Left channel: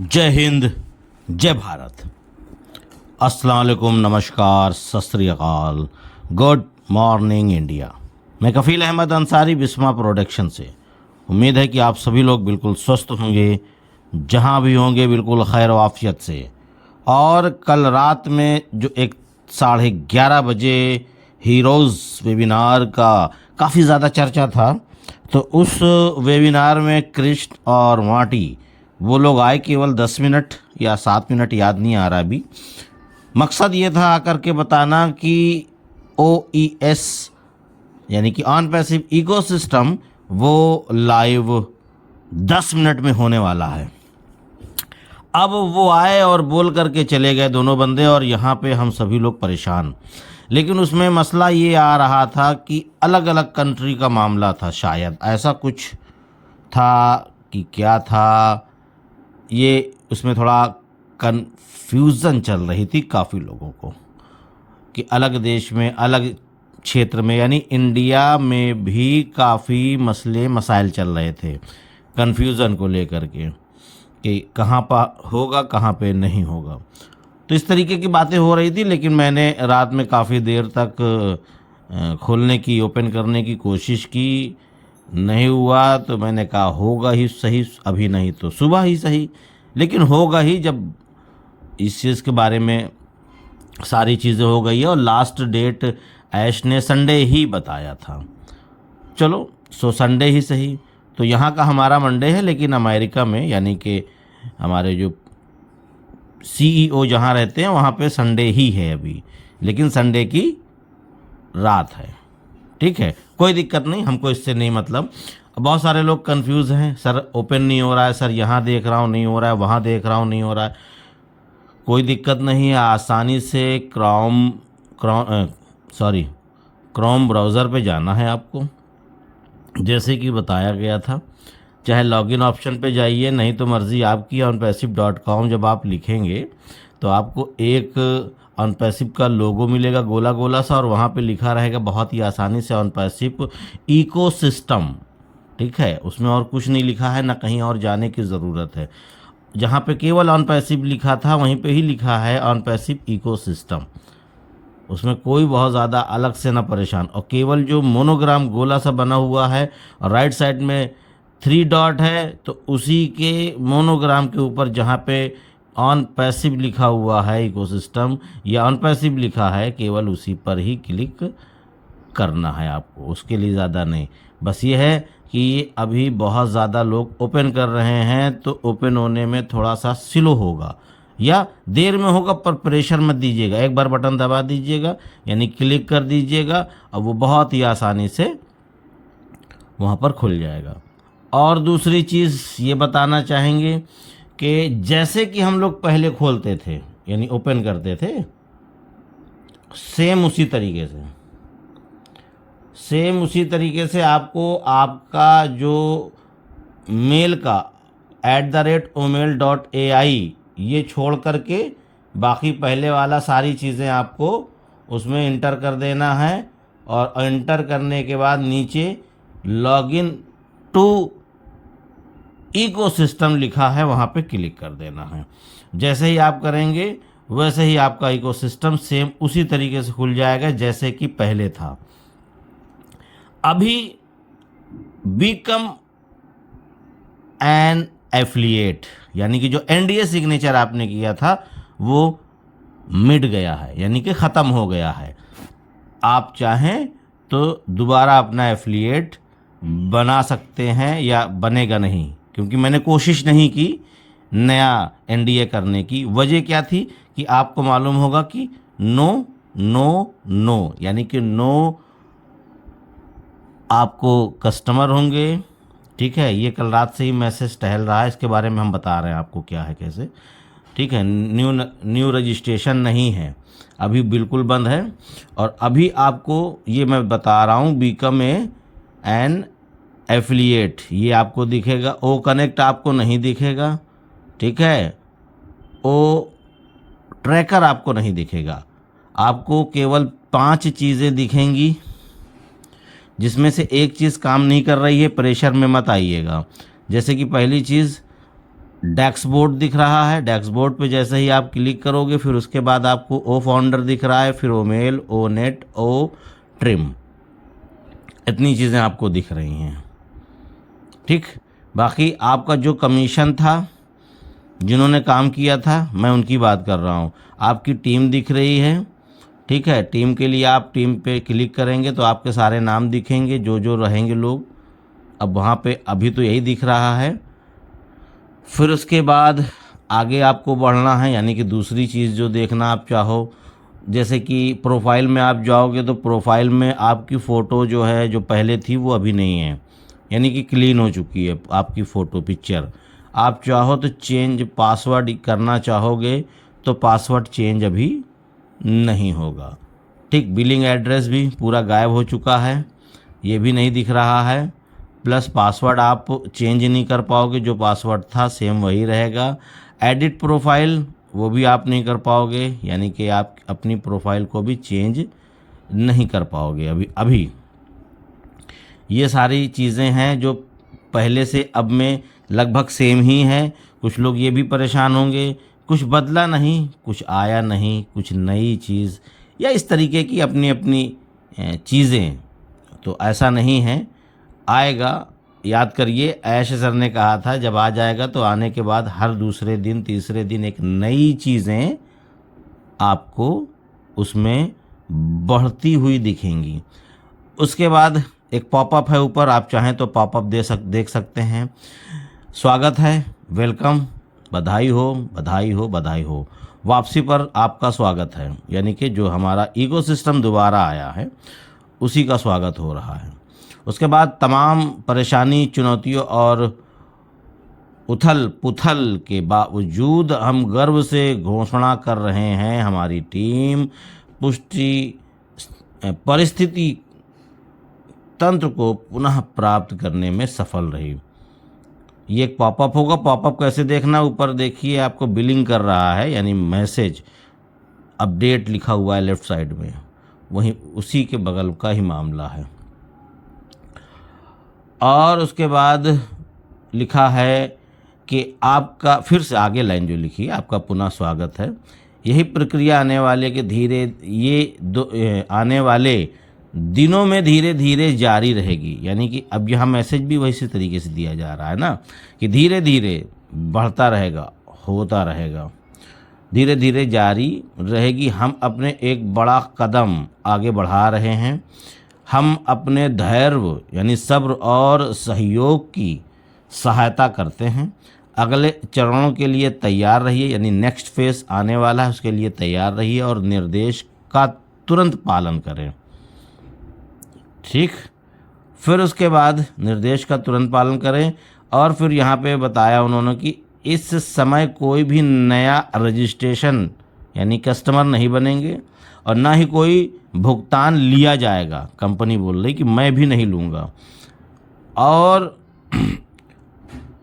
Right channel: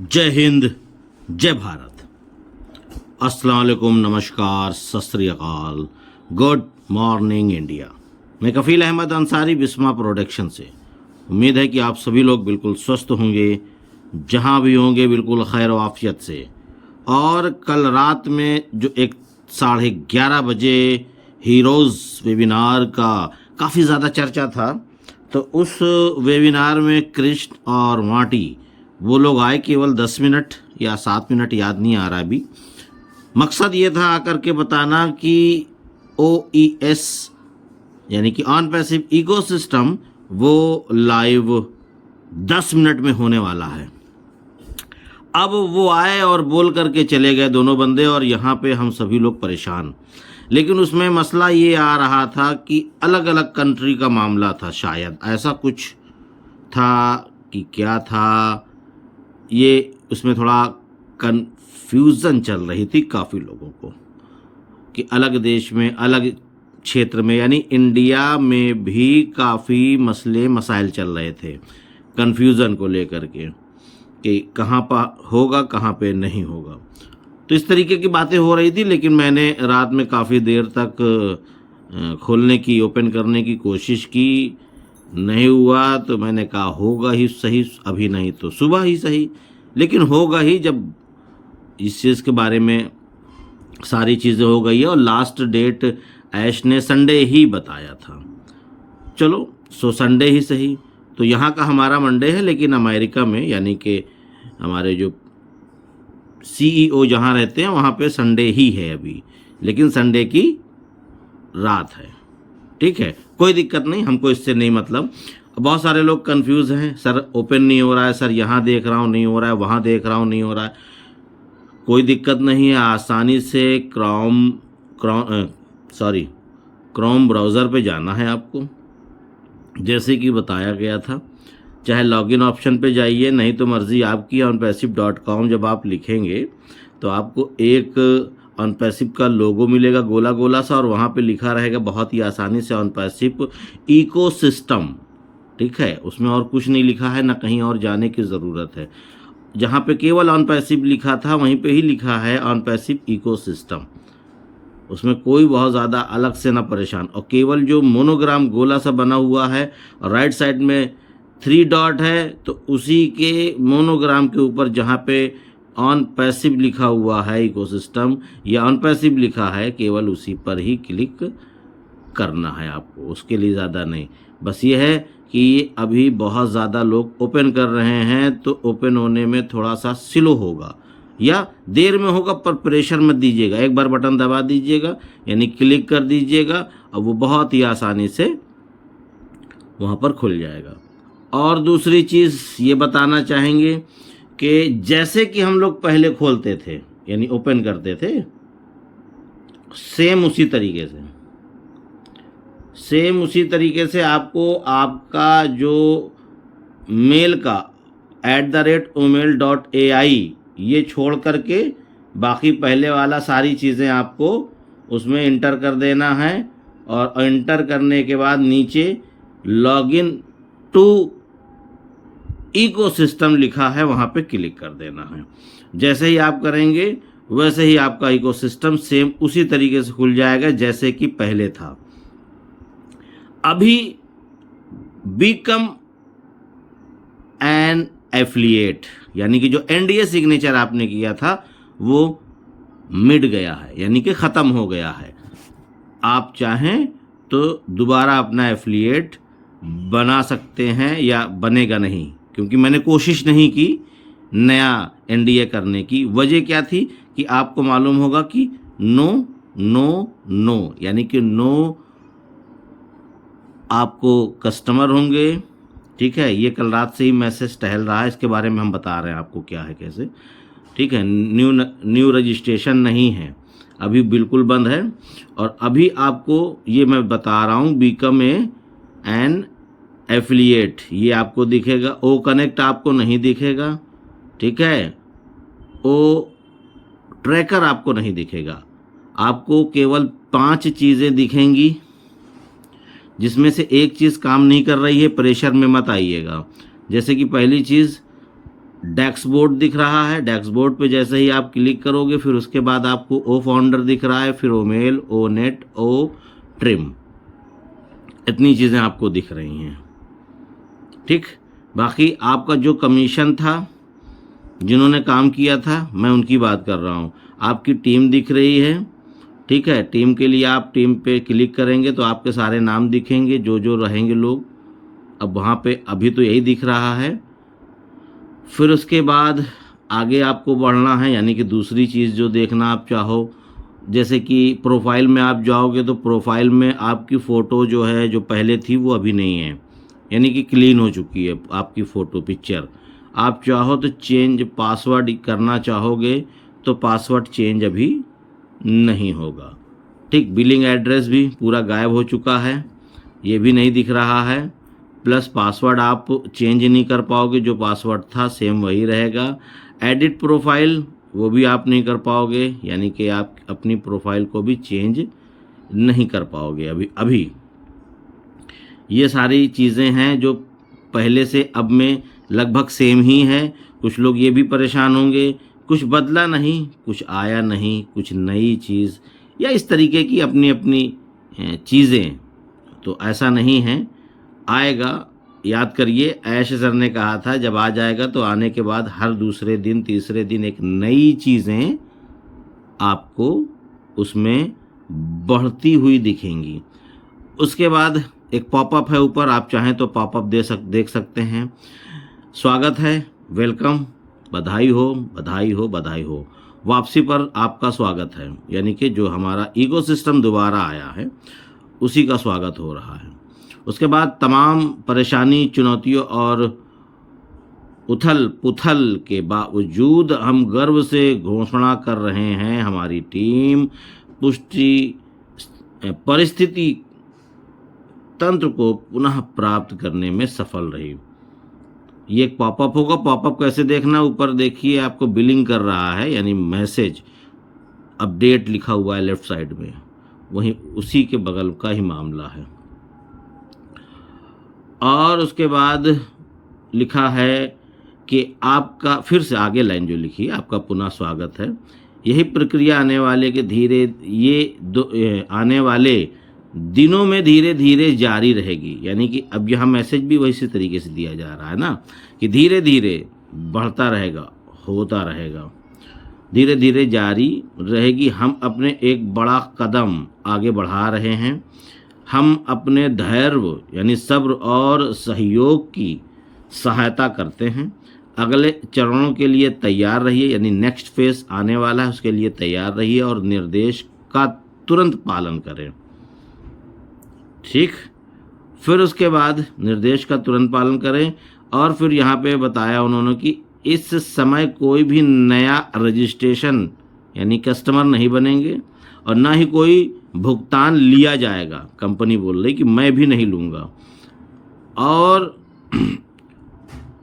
जय हिंद, जय भारत। अस्सलाम वालेकुम, नमस्कार, सत श्री अकाल, गुड मॉर्निंग इंडिया। मैं कफ़ील अहमद अंसारी, बिस्मा प्रोडक्शन से। उम्मीद है कि आप सभी लोग बिल्कुल स्वस्थ होंगे, जहां भी होंगे बिल्कुल खैर वाफियत से। और कल रात में जो एक 11:30 बजे हीरोज़ वेबिनार का काफ़ी ज़्यादा चर्चा था, तो उस वेबिनार में कृष्ण और मार्टी वो लोग आए, केवल 10 मिनट या 7 मिनट, याद नहीं आ रहा अभी। मकसद ये था आकर के बताना कि OES यानी कि ऑन पैसिव इकोसिस्टम वो लाइव 10 मिनट में होने वाला है। अब वो आए और बोल करके चले गए दोनों बंदे, और यहाँ पे हम सभी लोग परेशान। लेकिन उसमें मसला ये आ रहा था कि अलग अलग कंट्री का मामला था, शायद ऐसा कुछ था कि क्या था, ये उसमें थोड़ा कन्फ्यूज़न चल रही थी काफ़ी लोगों को कि अलग देश में, अलग क्षेत्र में, यानी इंडिया में भी काफ़ी मसले मसाइल चल रहे थे कन्फ्यूज़न को लेकर के कि कहाँ पर होगा, कहाँ पे नहीं होगा। तो इस तरीके की बातें हो रही थी। लेकिन मैंने रात में काफ़ी देर तक खोलने की, ओपन करने की कोशिश की, नहीं हुआ। तो मैंने कहा होगा ही सही, अभी नहीं तो सुबह ही सही, लेकिन होगा ही जब इस चीज़ के बारे में सारी चीज़ें हो गई है। और लास्ट डेट ऐश ने संडे ही बताया था। चलो संडे ही सही। तो यहाँ का हमारा मंडे है, लेकिन अमेरिका में यानी कि हमारे जो CEO जहाँ रहते हैं वहाँ पे संडे ही है अभी, लेकिन संडे की रात है। ठीक है, कोई दिक्कत नहीं, हमको इससे नहीं मतलब। बहुत सारे लोग कंफ्यूज हैं, सर ओपन नहीं हो रहा है, सर यहाँ देख रहा हूँ नहीं हो रहा है, वहाँ देख रहा हूँ नहीं हो रहा है। कोई दिक्कत नहीं है, आसानी से क्रोम ब्राउज़र पे जाना है आपको, जैसे कि बताया गया था। चाहे लॉगिन ऑप्शन पे जाइए, नहीं तो मर्ज़ी आपकी। onpassive.com जब आप लिखेंगे तो आपको एक ऑनपैसिव का लोगो मिलेगा, गोला गोला सा, और वहाँ पे लिखा रहेगा बहुत ही आसानी से ऑनपैसिव इकोसिस्टम। ठीक है, उसमें और कुछ नहीं लिखा है, ना कहीं और जाने की ज़रूरत है। जहाँ पे केवल ऑनपैसिव लिखा था वहीं पे ही लिखा है ऑनपैसिव इकोसिस्टम। उसमें कोई बहुत ज़्यादा अलग से ना परेशान। और केवल जो मोनोग्राम गोला सा बना हुआ है और राइट साइड में 3 डॉट है, तो उसी के मोनोग्राम के ऊपर जहाँ पे ऑन पैसिव लिखा हुआ है इकोसिस्टम या ऑन पैसिव लिखा है, केवल उसी पर ही क्लिक करना है आपको, उसके लिए ज़्यादा नहीं। बस ये है कि अभी बहुत ज़्यादा लोग ओपन कर रहे हैं, तो ओपन होने में थोड़ा सा स्लो होगा या देर में होगा, पर प्रेशर मत दीजिएगा। एक बार बटन दबा दीजिएगा, यानी क्लिक कर दीजिएगा, और वो बहुत ही आसानी से वहाँ पर खुल जाएगा। और दूसरी चीज़ ये बताना चाहेंगे कि जैसे कि हम लोग पहले खोलते थे, यानी ओपन करते थे, सेम उसी तरीके से आपको आपका जो मेल का @omail.ai ये छोड़ करके बाकी पहले वाला सारी चीज़ें आपको उसमें इंटर कर देना है। और इंटर करने के बाद नीचे लॉगिन टू इकोसिस्टम लिखा है, वहाँ पे क्लिक कर देना है। जैसे ही आप करेंगे वैसे ही आपका इकोसिस्टम सेम उसी तरीके से खुल जाएगा जैसे कि पहले था। अभी बिकम एन एफिलिएट, यानी कि जो NDA सिग्नेचर आपने किया था वो मिट गया है, यानी कि ख़त्म हो गया है। आप चाहें तो दोबारा अपना एफिलिएट बना सकते हैं, या बनेगा नहीं, क्योंकि मैंने कोशिश नहीं की नया NDA करने की। वजह क्या थी कि आपको मालूम होगा कि नो नो नो, यानी कि नो आपको कस्टमर होंगे। ठीक है, ये कल रात से ही मैसेज टहल रहा है, इसके बारे में हम बता रहे हैं आपको क्या है कैसे। ठीक है, न्यू रजिस्ट्रेशन नहीं है, अभी बिल्कुल बंद है। और अभी आपको ये मैं बता रहा हूँ, बिकम एन एफिलिएट ये आपको दिखेगा। ओ कनेक्ट आपको नहीं दिखेगा। ठीक है, ओ ट्रैकर आपको नहीं दिखेगा। आपको केवल 5 चीज़ें दिखेंगी, जिसमें से एक चीज़ काम नहीं कर रही है, प्रेशर में मत आइएगा। जैसे कि पहली चीज़ डैशबोर्ड दिख रहा है। डैशबोर्ड पे जैसे ही आप क्लिक करोगे फिर उसके बाद आपको ओ फाउंडर दिख रहा है, फिर ओ मेल, ओ नेट, ओ ट्रिम, इतनी चीज़ें आपको दिख रही हैं। ठीक, बाकी आपका जो कमीशन था, जिन्होंने काम किया था, मैं उनकी बात कर रहा हूँ। आपकी टीम दिख रही है। ठीक है, टीम के लिए आप टीम पे क्लिक करेंगे तो आपके सारे नाम दिखेंगे, जो जो रहेंगे लोग। अब वहाँ पे अभी तो यही दिख रहा है। फिर उसके बाद आगे आपको बढ़ना है, यानी कि दूसरी चीज़ जो देखना आप चाहो, जैसे कि प्रोफाइल में आप जाओगे तो प्रोफाइल में आपकी फ़ोटो जो है, जो पहले थी वो अभी नहीं है, यानी कि क्लीन हो चुकी है आपकी फ़ोटो पिक्चर। आप चाहो तो चेंज पासवर्ड करना चाहोगे तो पासवर्ड चेंज अभी नहीं होगा। ठीक, बिलिंग एड्रेस भी पूरा गायब हो चुका है, ये भी नहीं दिख रहा है। प्लस पासवर्ड आप चेंज नहीं कर पाओगे, जो पासवर्ड था सेम वही रहेगा। एडिट प्रोफाइल वो भी आप नहीं कर पाओगे, यानी कि आप अपनी प्रोफाइल को भी चेंज नहीं कर पाओगे अभी। ये सारी चीज़ें हैं जो पहले से अब में लगभग सेम ही हैं। कुछ लोग ये भी परेशान होंगे, कुछ बदला नहीं, कुछ आया नहीं, कुछ नई चीज़, या इस तरीके की अपनी अपनी चीज़ें। तो ऐसा नहीं है, आएगा। याद करिए, ऐश सर ने कहा था जब आ जाएगा तो आने के बाद हर दूसरे दिन तीसरे दिन एक नई चीज़ें आपको उसमें बढ़ती हुई दिखेंगी। उसके बाद एक पॉपअप है ऊपर, आप चाहें तो पॉपअप देख सकते हैं। स्वागत है, वेलकम, बधाई हो, बधाई हो, बधाई हो। वापसी पर आपका स्वागत है, यानी कि जो हमारा इकोसिस्टम दोबारा आया है उसी का स्वागत हो रहा है। उसके बाद तमाम परेशानी, चुनौतियों और उथल पुथल के बावजूद हम गर्व से घोषणा कर रहे हैं, हमारी टीम पुष्टि परिस्थिति तंत्र को पुनः प्राप्त करने में सफल रही। ये एक पॉपअप होगा। पॉपअप कैसे देखना, ऊपर देखिए आपको बिलिंग कर रहा है, यानी मैसेज अपडेट लिखा हुआ है लेफ्ट साइड में, वहीं उसी के बगल का ही मामला है। और उसके बाद लिखा है कि आपका, फिर से आगे लाइन जो लिखी है, आपका पुनः स्वागत है। यही प्रक्रिया आने वाले आने वाले दिनों में धीरे धीरे जारी रहेगी, यानी कि अब यहाँ मैसेज भी वैसे तरीके से दिया जा रहा है ना, कि धीरे धीरे बढ़ता रहेगा, होता रहेगा, धीरे धीरे जारी रहेगी। हम अपने एक बड़ा कदम आगे बढ़ा रहे हैं। हम अपने धैर्य यानी सब्र और सहयोग की सहायता करते हैं। अगले चरणों के लिए तैयार रहिए, यानी नेक्स्ट फेज आने वाला है उसके लिए तैयार रहिए और निर्देश का तुरंत पालन करें। ठीक, फिर उसके बाद निर्देश का तुरंत पालन करें। और फिर यहाँ पे बताया उन्होंने कि इस समय कोई भी नया रजिस्ट्रेशन यानी कस्टमर नहीं बनेंगे और ना ही कोई भुगतान लिया जाएगा। कंपनी बोल रही कि मैं भी नहीं लूँगा। और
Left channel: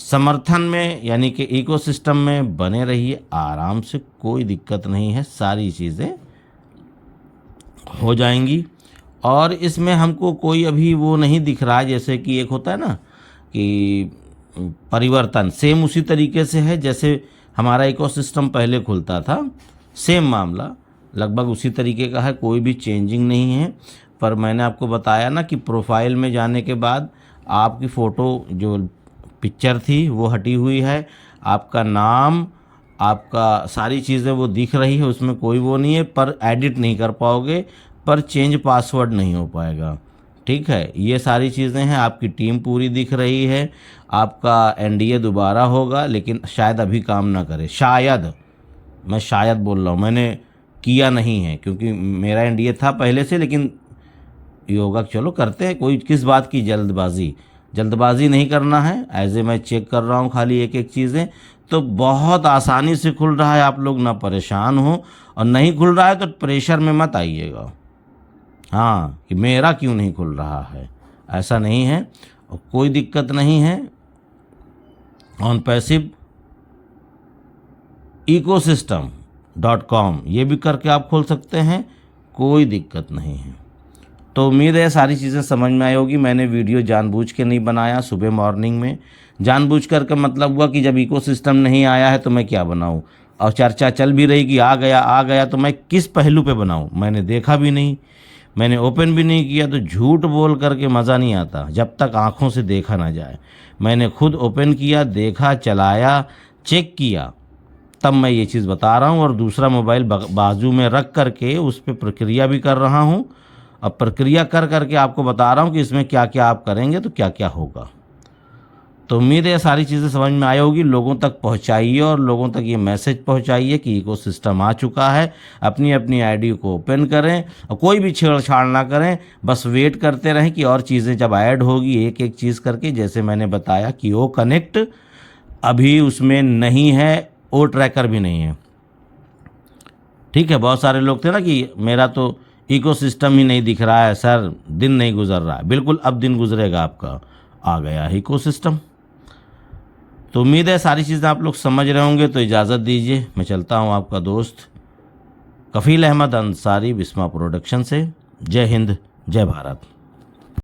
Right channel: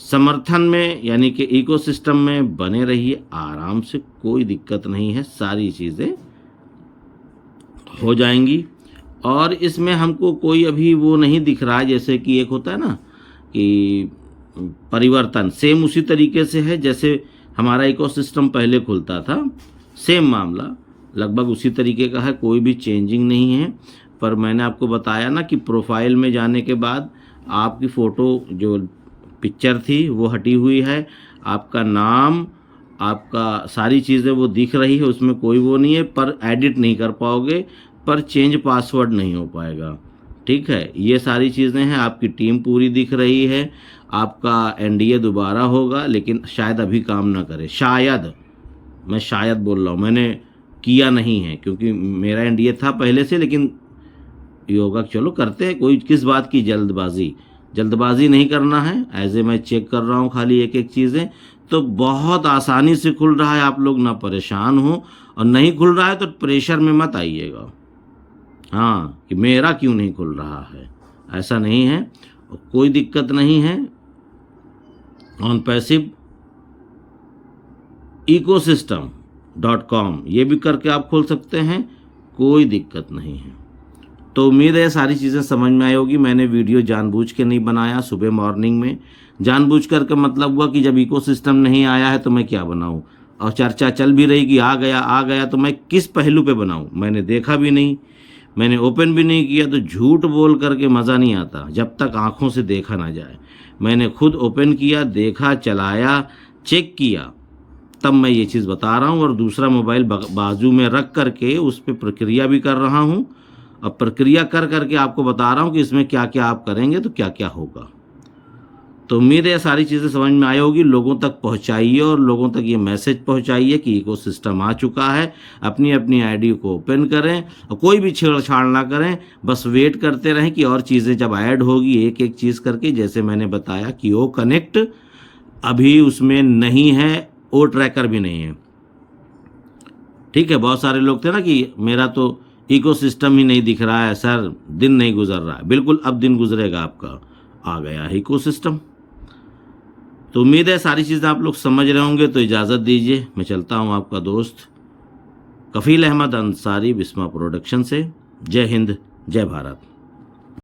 समर्थन में यानी कि इकोसिस्टम में बने रहिए आराम से, कोई दिक्कत नहीं है, सारी चीज़ें हो जाएंगी। और इसमें हमको कोई अभी वो नहीं दिख रहा है, जैसे कि एक होता है ना कि परिवर्तन, सेम उसी तरीके से है जैसे हमारा इकोसिस्टम पहले खुलता था, सेम मामला लगभग उसी तरीके का है, कोई भी चेंजिंग नहीं है। पर मैंने आपको बताया ना कि प्रोफाइल में जाने के बाद आपकी फ़ोटो जो पिक्चर थी वो हटी हुई है, आपका नाम, आपका सारी चीज़ें वो दिख रही है, उसमें कोई वो नहीं है, पर एडिट नहीं कर पाओगे, पर चेंज पासवर्ड नहीं हो पाएगा। ठीक है, ये सारी चीज़ें हैं। आपकी टीम पूरी दिख रही है। आपका एनडीए दोबारा होगा, लेकिन शायद अभी काम ना करे, शायद, मैं शायद बोल रहा हूँ, मैंने किया नहीं है क्योंकि मेरा एनडीए था पहले से, लेकिन योगा चलो करते हैं, कोई किस बात की जल्दबाजी नहीं करना है। ऐसे मैं चेक कर रहा हूँ खाली एक एक चीज़ें, तो बहुत आसानी से खुल रहा है। आप लोग ना परेशान हो, और नहीं खुल रहा है तो प्रेशर में मत आइएगा, हाँ, कि मेरा क्यों नहीं खुल रहा है, ऐसा नहीं है, और कोई दिक्कत नहीं है। OnPassive ecosystem.com ये भी करके आप खोल सकते हैं, कोई दिक्कत नहीं है। तो उम्मीद है सारी चीज़ें समझ में आई होगी। मैंने वीडियो जानबूझ के नहीं बनाया सुबह मॉर्निंग में। जानबूझ कर का मतलब हुआ कि जब इकोसिस्टम नहीं आया है तो मैं क्या बनाऊं, और चर्चा चल भी रही कि आ गया तो मैं किस पहलू पे बनाऊं। मैंने देखा भी नहीं, मैंने ओपन भी नहीं किया, तो झूठ बोल करके मज़ा नहीं आता जब तक आंखों से देखा ना जाए। मैंने खुद ओपन किया, देखा, चलाया, चेक किया, तब मैं ये चीज़ बता रहा हूँ। और दूसरा मोबाइल बाजू में रख करके उस पर प्रक्रिया भी कर रहा हूँ। अब प्रक्रिया कर करके आपको बता रहा हूँ कि इसमें क्या क्या आप करेंगे तो क्या क्या होगा। तो उम्मीद है ये सारी चीज़ें समझ में आई होगी। लोगों तक पहुंचाइए और लोगों तक ये मैसेज पहुंचाइए कि इकोसिस्टम आ चुका है। अपनी अपनी आईडी को ओपन करें और कोई भी छेड़छाड़ ना करें, बस वेट करते रहें कि और चीज़ें जब ऐड होगी एक एक चीज़ करके। जैसे मैंने बताया कि ओ कनेक्ट अभी उसमें नहीं है, ओ ट्रैकर भी नहीं है। ठीक है, बहुत सारे लोग थे ना कि मेरा तो इकोसिस्टम ही नहीं दिख रहा है सर, दिन नहीं गुजर रहा है। बिल्कुल अब दिन गुजरेगा आपका, आ गया है इकोसिस्टम। तो उम्मीद है सारी चीज़ें आप लोग समझ रहे होंगे। तो इजाज़त दीजिए, मैं चलता हूँ आपका दोस्त कफ़ील अहमद अंसारी बिस्मा प्रोडक्शन से। जय हिंद, जय भारत।